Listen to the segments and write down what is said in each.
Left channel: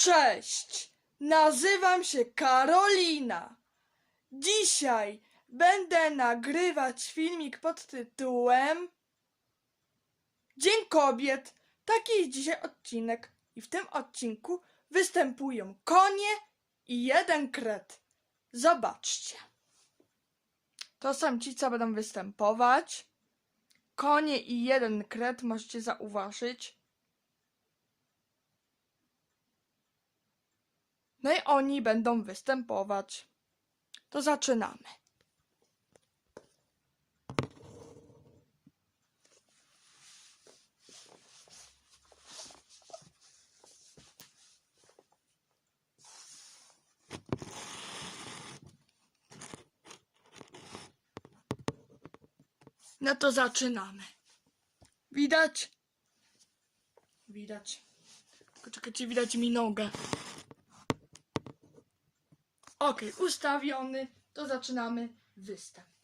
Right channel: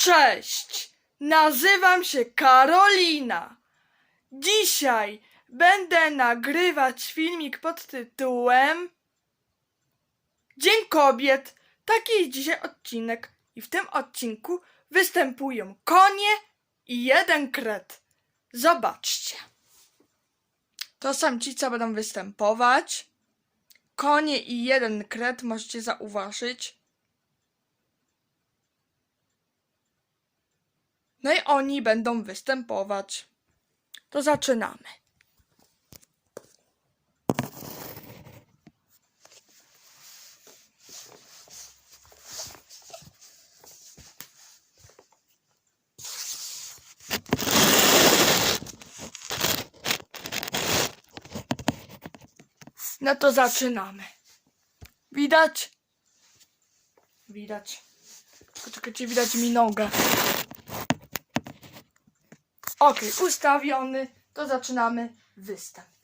Cześć, nazywam się Karolina. Dzisiaj będę nagrywać filmik pod tytułem Dzień Kobiet. Taki jest dzisiaj odcinek i w tym odcinku występują konie i jeden kret. Zobaczcie. To są ci, co będą występować. Konie i jeden kret możecie zauważyć. No i oni będą występować. To zaczynamy. No to zaczynamy. Widać? Widać. Poczekajcie, widać mi nogę. Okej, ustawiony. To zaczynamy występ.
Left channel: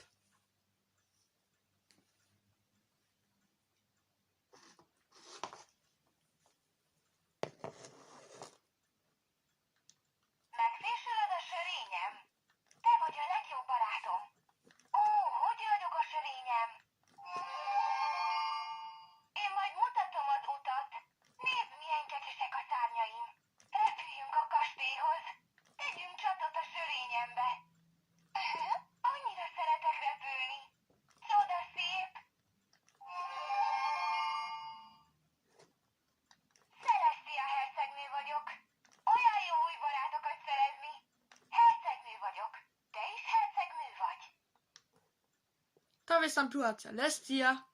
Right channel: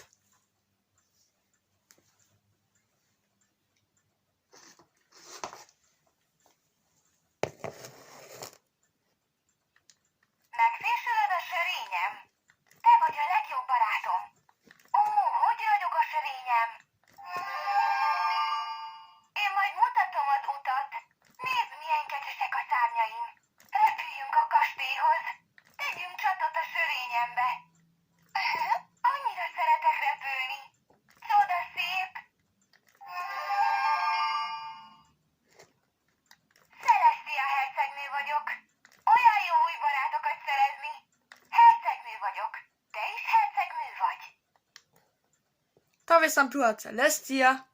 Wystąpiła Celestia.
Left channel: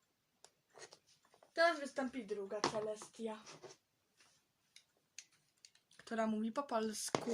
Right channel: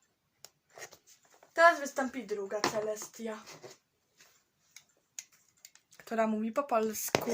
Teraz wystąpi druga Celestia, która mówi po polsku.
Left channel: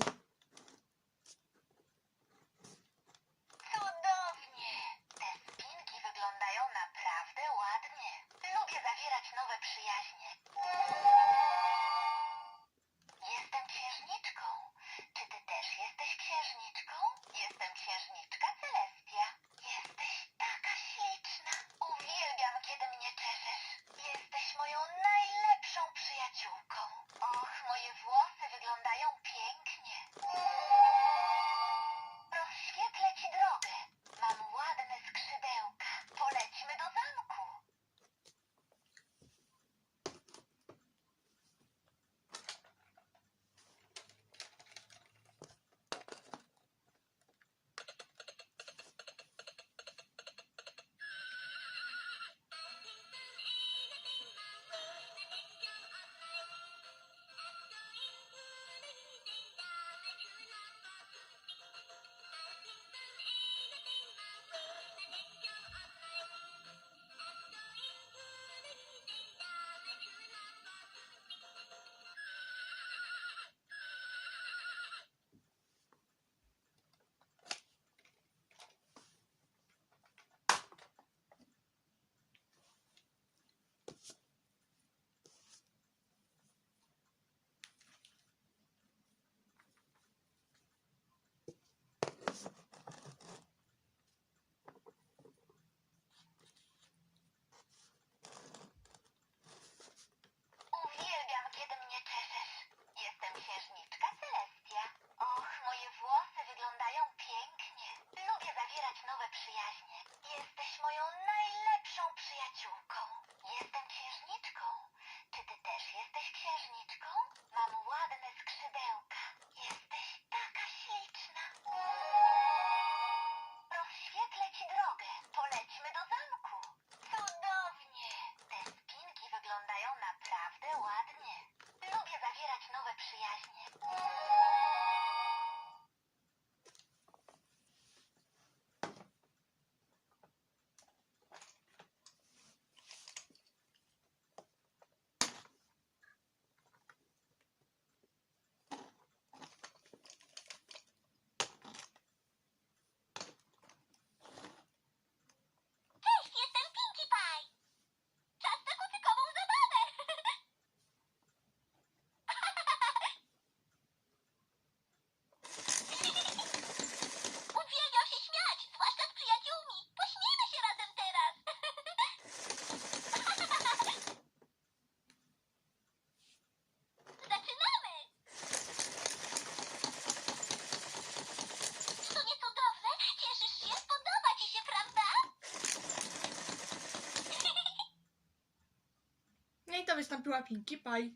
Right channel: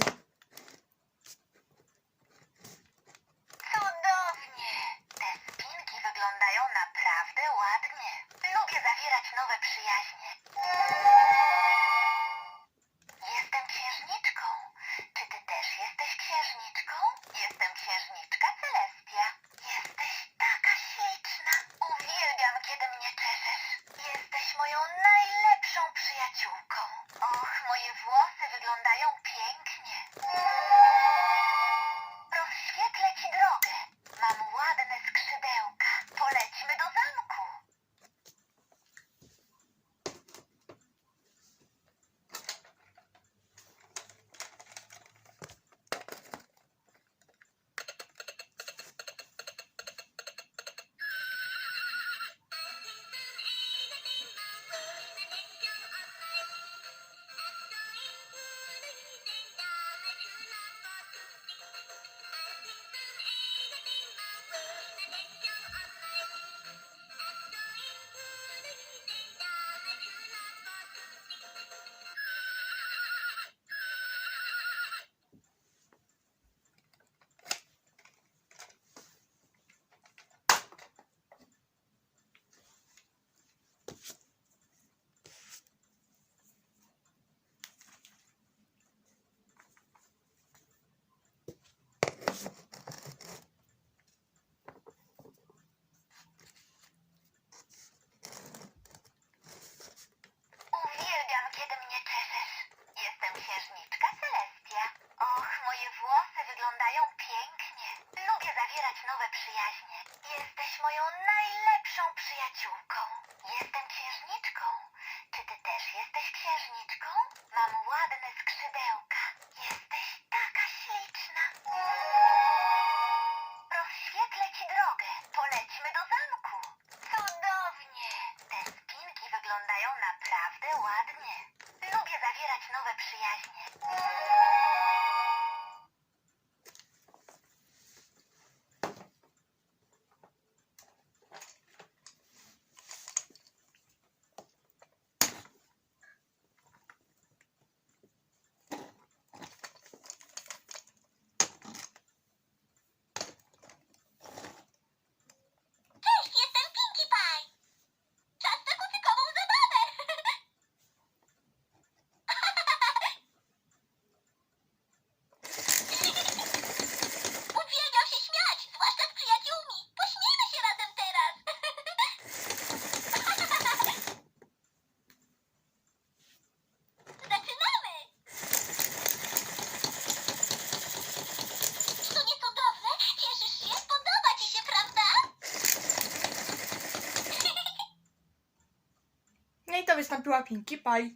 Wystąpiła Pinkie Pie.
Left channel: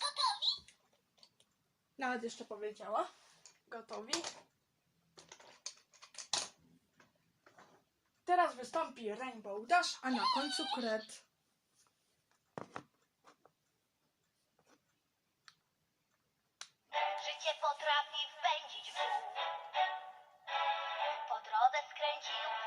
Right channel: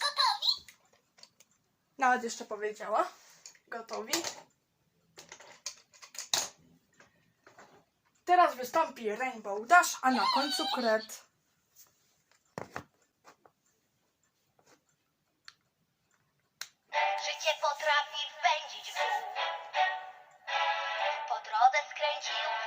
Gotowi? Nawet jeszcze powiedziała. Gotowi. Teraz wystąpi Rainbow Dash, a na końcu kret. Życie potrafi wpędzić w. Po drodze skręcił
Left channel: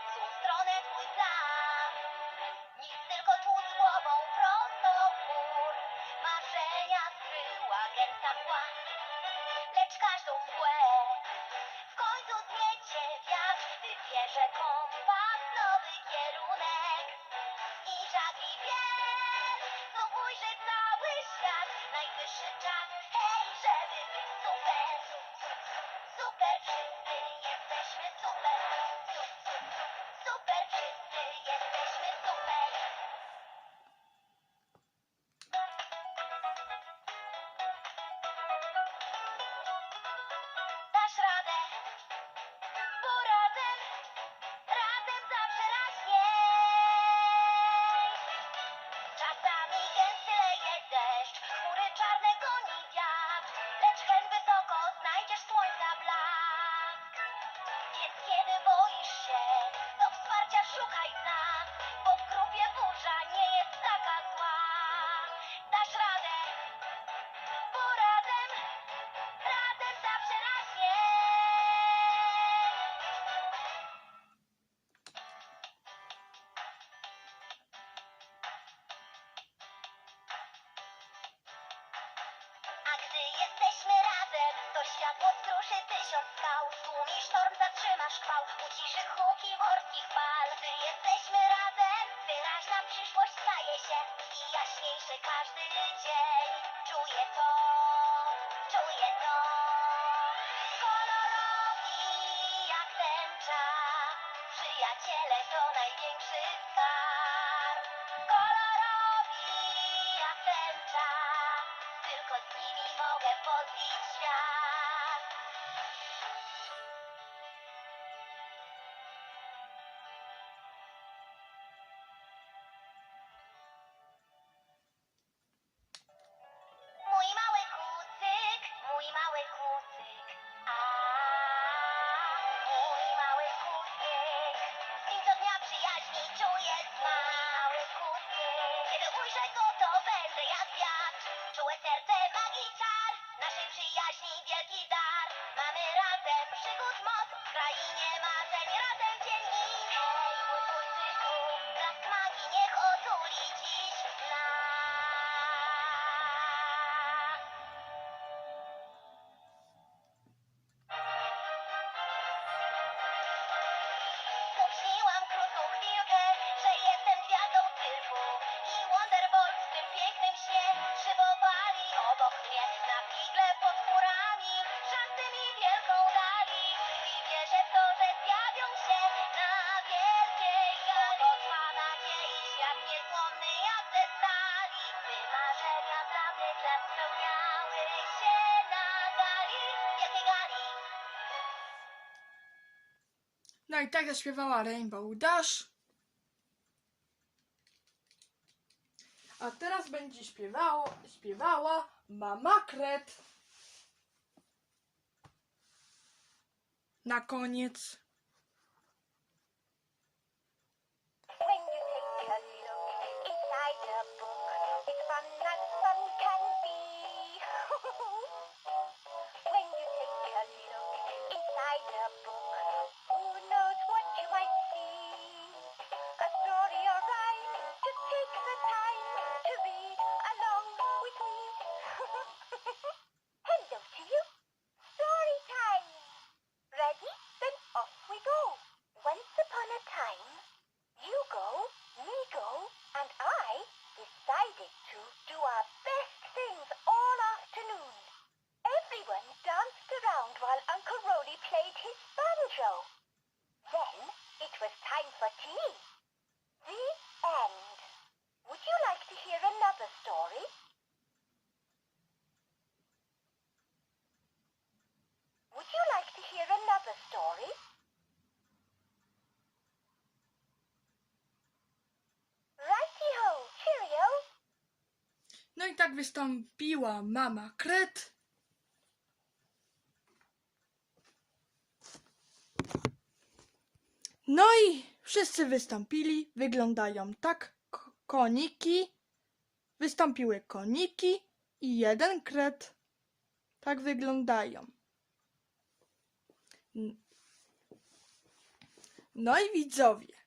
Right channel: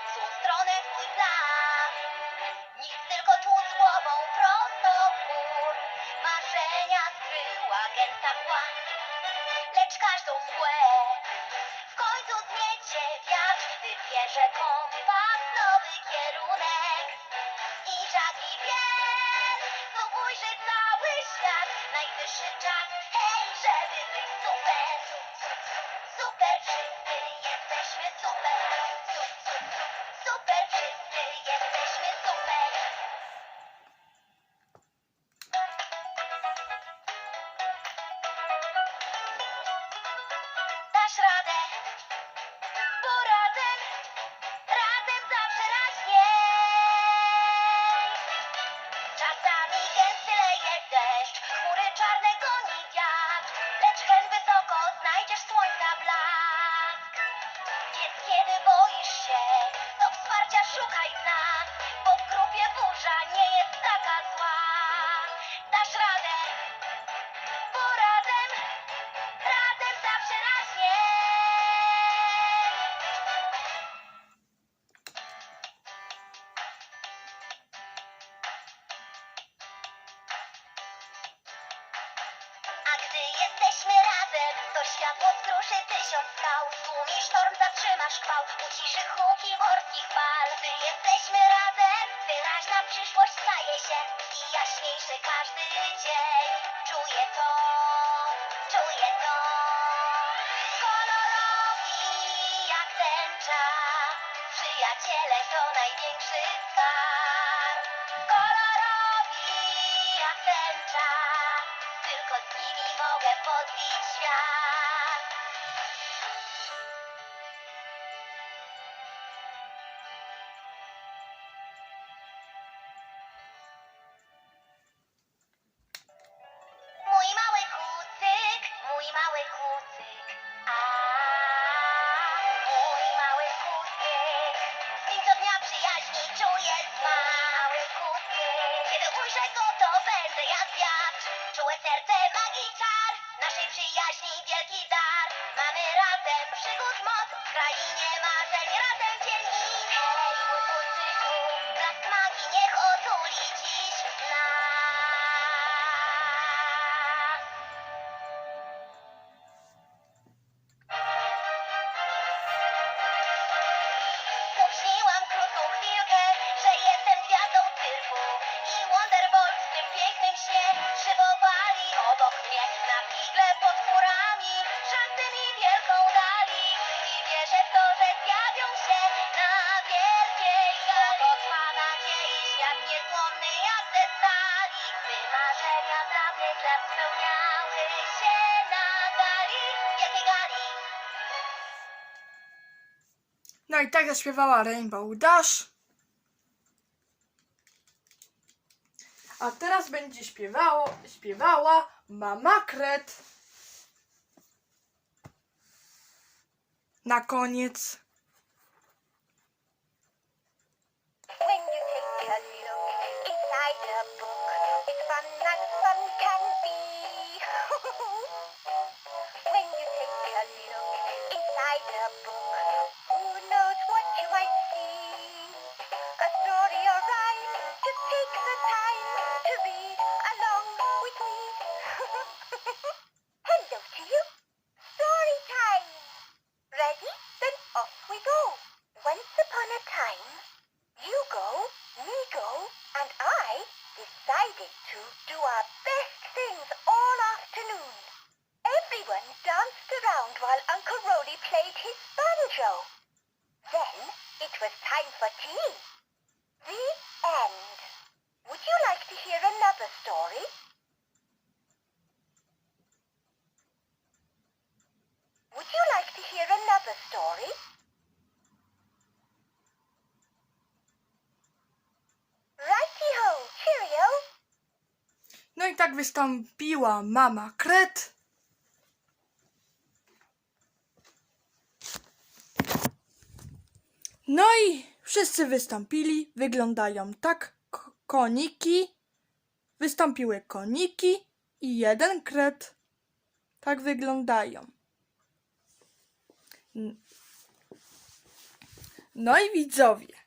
I tak zaśpiewała Rainbow Dash. A teraz będzie śpiewało, śpiewała Mama Kret. Na koniec. Book. i tak wystąpiła mama Kret. No i wszyscy wystąpili. Wyglądają tak koniki. Wystąpiły koniki i jeden kret. Tak wyglądają. No i widzowie.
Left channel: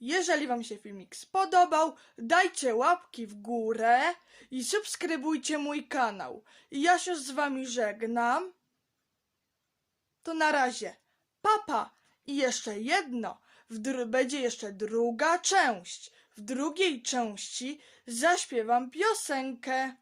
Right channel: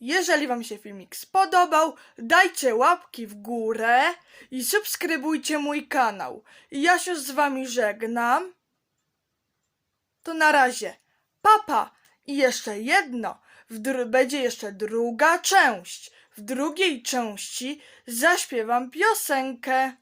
Jeżeli Wam się filmik spodobał, dajcie łapki w górę i subskrybujcie mój kanał. Ja się z Wami żegnam. To na razie. Papa! I jeszcze jedno. Będzie jeszcze druga część. W drugiej części zaśpiewam piosenkę.